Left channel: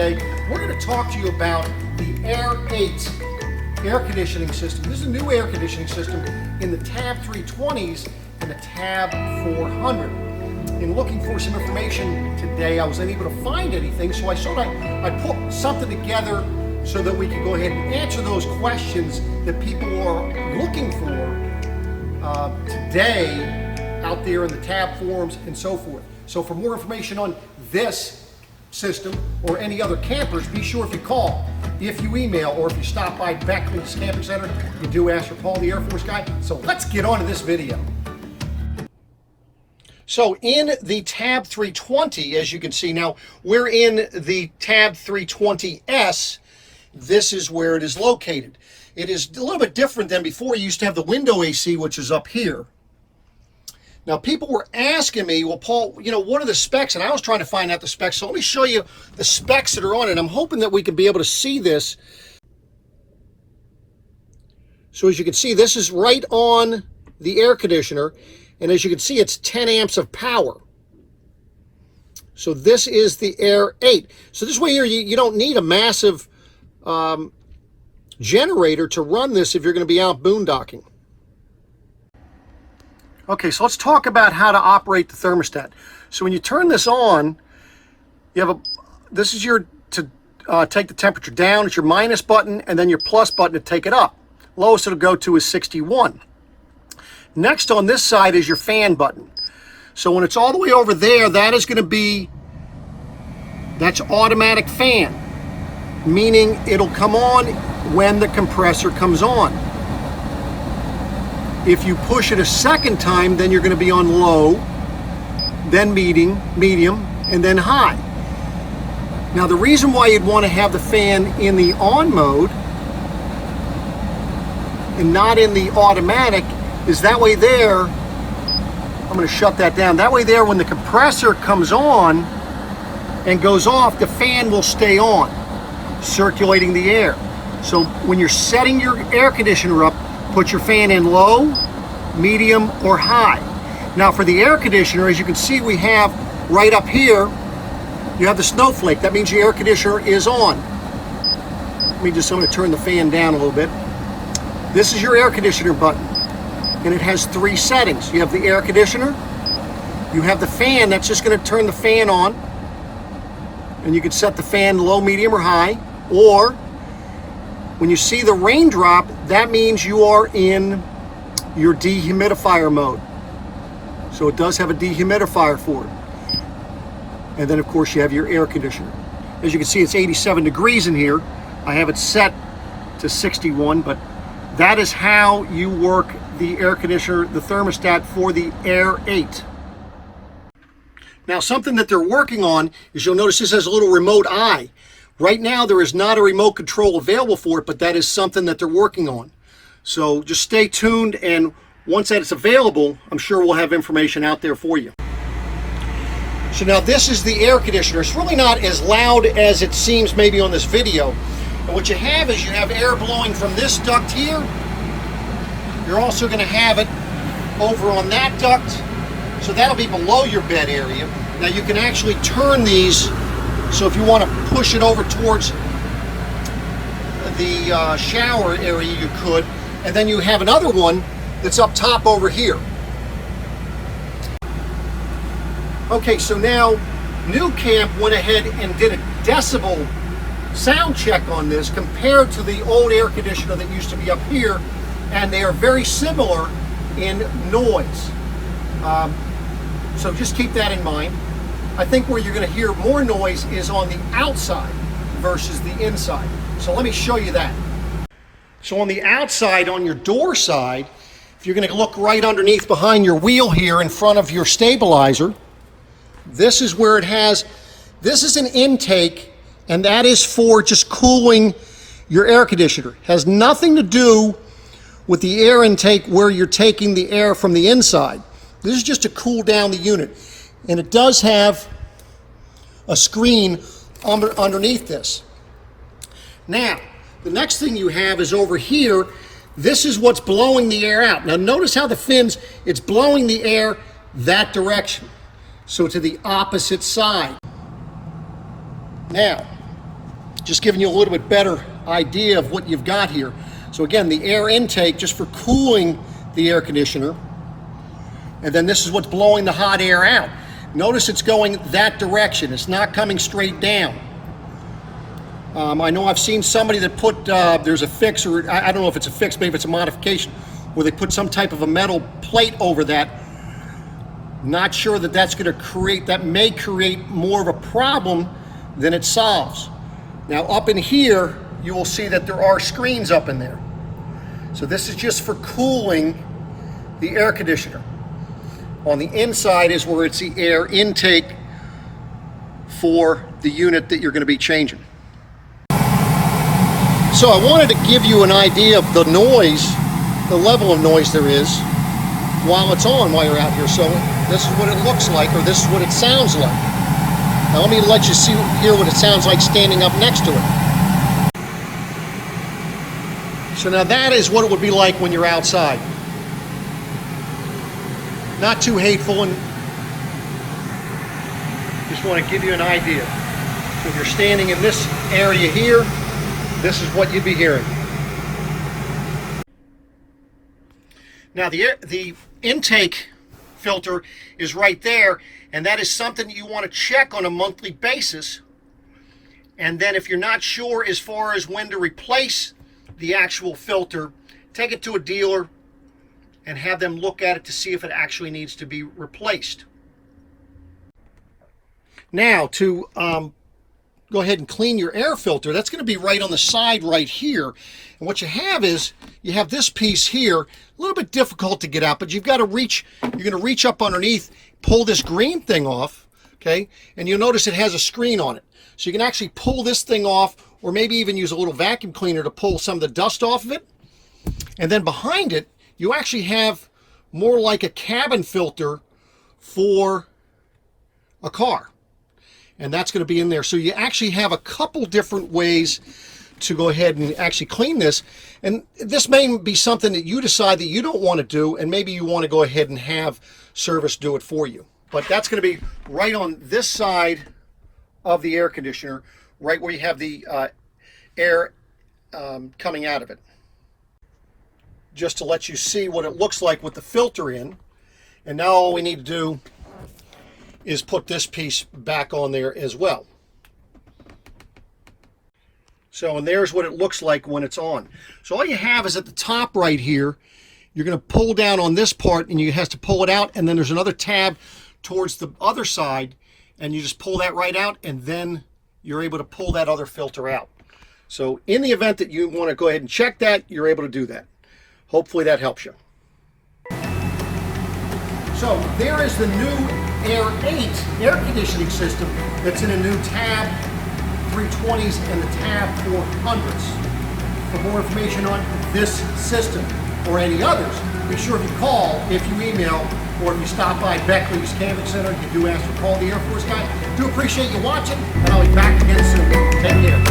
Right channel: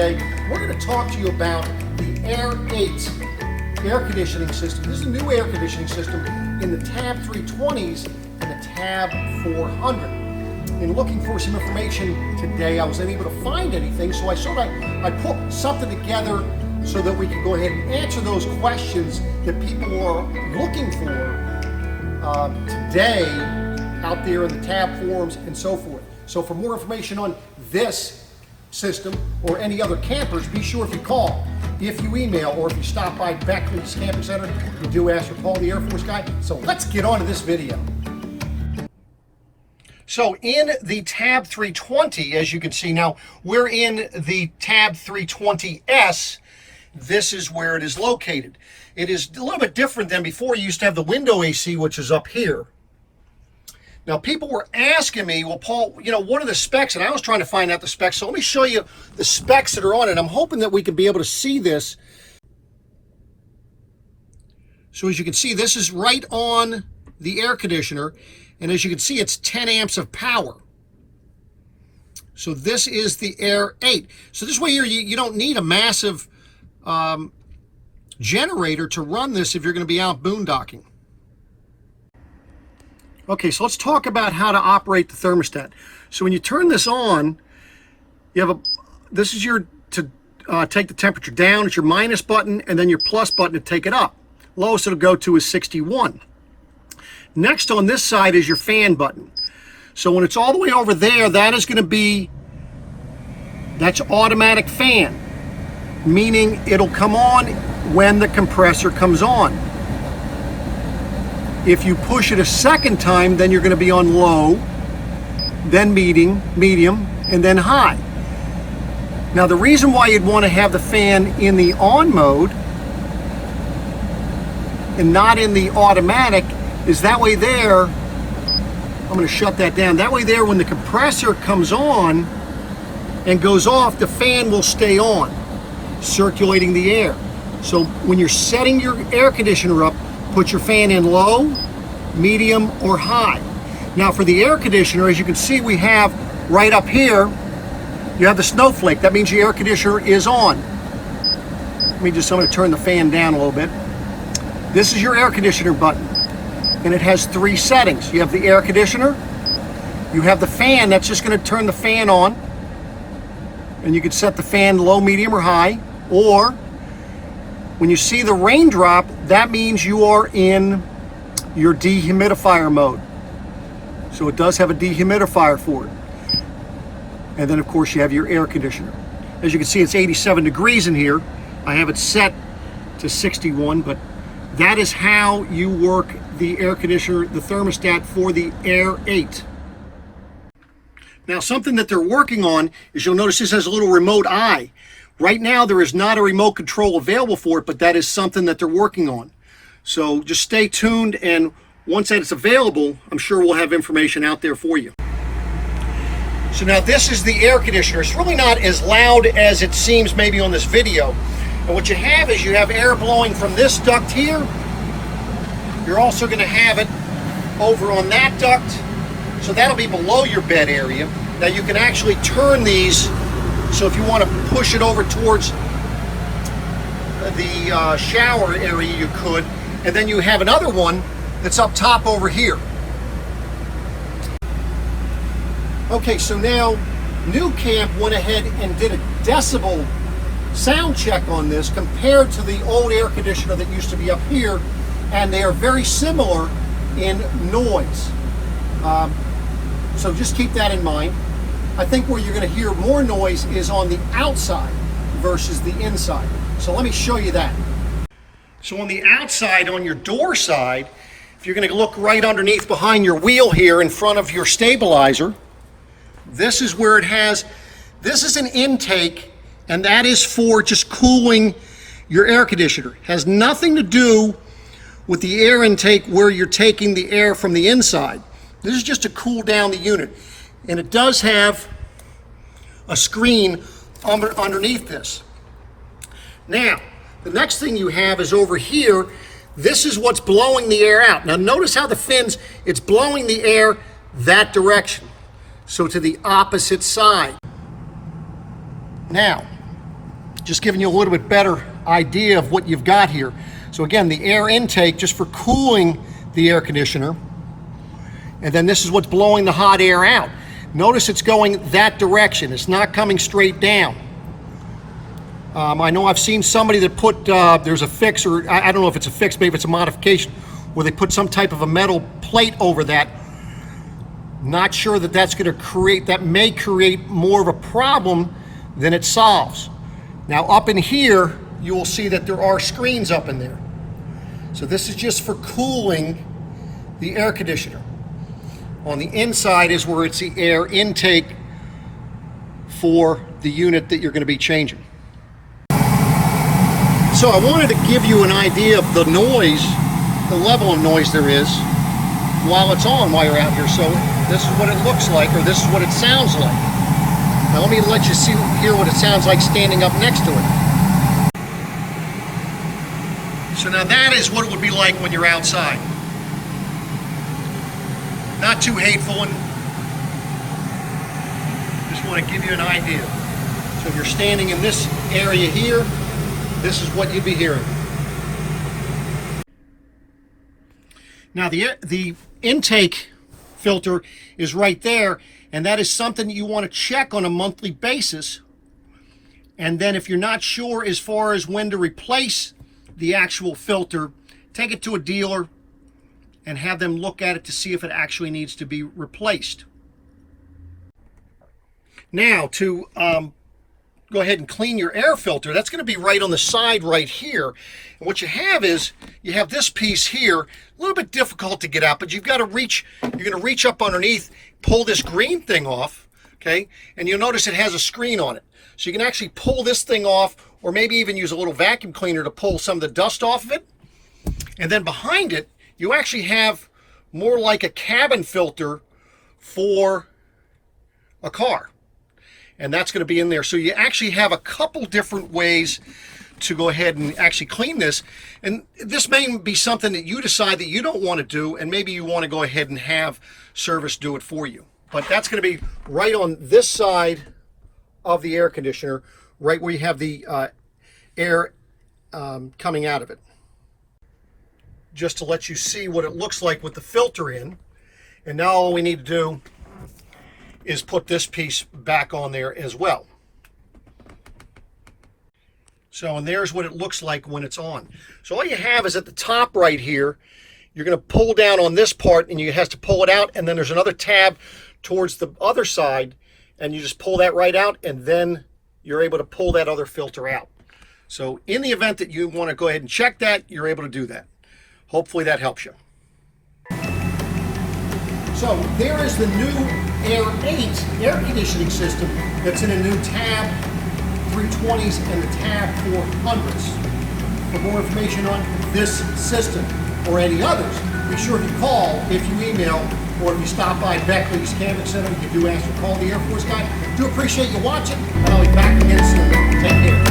today. We're going to talk to you about the Air8 air conditioning system. This is a new air conditioning system in the Tab 320s and the Tab 400. In looking for some information today, I wasn't able to find anything, so I put something together so that we can go ahead and answer those questions that people are looking for today out there in the Tab forums and so forth. So for more information on this system or any other campers, be sure if you call, if you email, or if you stop by Beckley's Camping Center, you do ask for Paul the Air Force Guy. So let's get on to this video. So in the Tab 320, as you can see now, we're in the Tab 320S. This is where it is located. It is a little bit different than before. You used to have the window AC, which is up here. Now, people were asking me, well, Paul, you know, what are the specs? And I was trying to find out the specs. So let me show you the specs that are on it. I'm hoping that we can be able to see this. So as you can see, this is right on the air conditioner. And as you can see, it's 10 amps of power. So this is the Air8. So this way here, you don't need a massive generator to run this if you're going to be out boondocking. Okay, so let's talk about how to operate the thermostat. So when you turn this on, you have this is your, to take the temperature down, it's your minus button, and then your plus button to take it up. Lowest it'll go to is 61. Next on this side is your fan button. So when it's all the way over there, that is going to be, that's automatic fan, meaning it'll come on when the compressor comes on. If you push it a second time, then you're going to be on low, then medium, and then high. Now the reason why you'd want to have the fan in the on mode and not in the automatic is that way there, I'm going to shut that down, that way there when the compressor comes on and goes off, the fan will stay on, circulating the air. So when you're setting your air conditioner up, put your fan in low, medium, or high. Now for the air conditioner, as you can see, we have right up here, you have the snowflake. That means your air conditioner is on. I'm going to turn the fan down a little bit. This is your air conditioner button, and it has 3 settings. You have the air conditioner, you have the fan, that's just going to turn the fan on, and you can set the fan low, medium, or high, or when you see the raindrop, that means you are in your dehumidifier mode. So it does have a dehumidifier for it. And then of course you have your air conditioner. As you can see, it's 87 degrees in here. I have it set to 61, but that is how you work the air conditioner, the thermostat for the Air8. Now something that they're working on is, you'll notice this has a little remote eye. Right now, there is not a remote control available for it, but that is something that they're working on. So just stay tuned, and once that is available, I'm sure we'll have information out there for you. So now this is the air conditioner. It's really not as loud as it seems maybe on this video. But what you have is you have air blowing from this duct here. You're also going to have it over on that duct. So that'll be below your bed area. Now you can actually turn these. So if you want to push it over towards the shower area, you could. And then you have another one that's up top over here. Okay, so now New Camp went ahead and did a decibel sound check on this compared to the old air conditioner that used to be up here, and they are very similar in noise. So just keep that in mind. I think where you're going to hear more noise is on the outside versus the inside. So let me show you that. So on the outside, on your door side, if you're going to look right underneath behind your wheel here in front of your stabilizer, this is where it has, this is an intake, and that is for just cooling your air conditioner. It has nothing to do with the air intake where you're taking the air from the inside. This is just to cool down the unit. And it does have a screen underneath this. Now, the next thing you have is over here. This is what's blowing the air out. Now notice how the fins, it's blowing the air that direction. So to the opposite side. Now, Just giving you a little bit better idea of what you've got here. So again, the air intake just for cooling the air conditioner. And then this is what's blowing the hot air out. Notice it's going that direction. It's not coming straight down. I know I've seen somebody that put, there's a fix, or I don't know if it's a fix, maybe it's a modification, where they put some type of a metal plate over that. Not sure that that's going to create, that may create more of a problem than it solves. Now up in here, you will see that there are screens up in there. So this is just for cooling the air conditioner. On the inside is where it's the air intake for the unit that you're going to be changing. So I wanted to give you an idea of the noise, the level of noise there is while it's on, while you're out here. So this is what it looks like, or this is what it sounds like. Now let me let you hear what it sounds like standing up next to it. So now that is what it would be like when you're outside. Not too hateful, and just want to give you an idea. So if you're standing in this area here, this is what you'd be hearing. Now the intake filter is right there, and that is something that you want to check on a monthly basis. And then if you're not sure as far as when to replace the actual filter, take it to a dealer and have them look at it to see if it actually needs to be replaced. Now to go ahead and clean your air filter, that's going to be right on the side right here. And what you have is, you have this piece here, a little bit difficult to get out, but you've got to reach, you're going to reach up underneath, pull this green thing off, okay? And you'll notice it has a screen on it. So you can actually pull this thing off, or maybe even use a little vacuum cleaner to pull some of the dust off of it. And then behind it, you actually have more like a cabin filter for a car. And that's going to be in there. So you actually have a couple different ways to go ahead and actually clean this. And this may be something that you decide that you don't want to do, and maybe you want to go ahead and have service do it for you. But that's going to be right on this side of the air conditioner, right where you have the air coming out of it. Just to let you see what it looks like with the filter in. And now all we need to do is put this piece back on there as well. So, and there's what it looks like when it's on. So all you have is at the top right here, you're going to pull down on this part, and you have to pull it out, and then there's another tab towards the other side, and you just pull that right out, and then you're able to pull that other filter out. So in the event that you want to go ahead and check that, you're able to do that. Hopefully that helps you. So there is the new Air8 air conditioning system that's in a new tab 320s and the tab 400s. For more information on this system or any others, be sure if you call, if you email, or if you stop by Beckley's Camping Center, you do ask for Paul the Air Force Guy. Do appreciate you watching, and I'll be back again soon. Take care.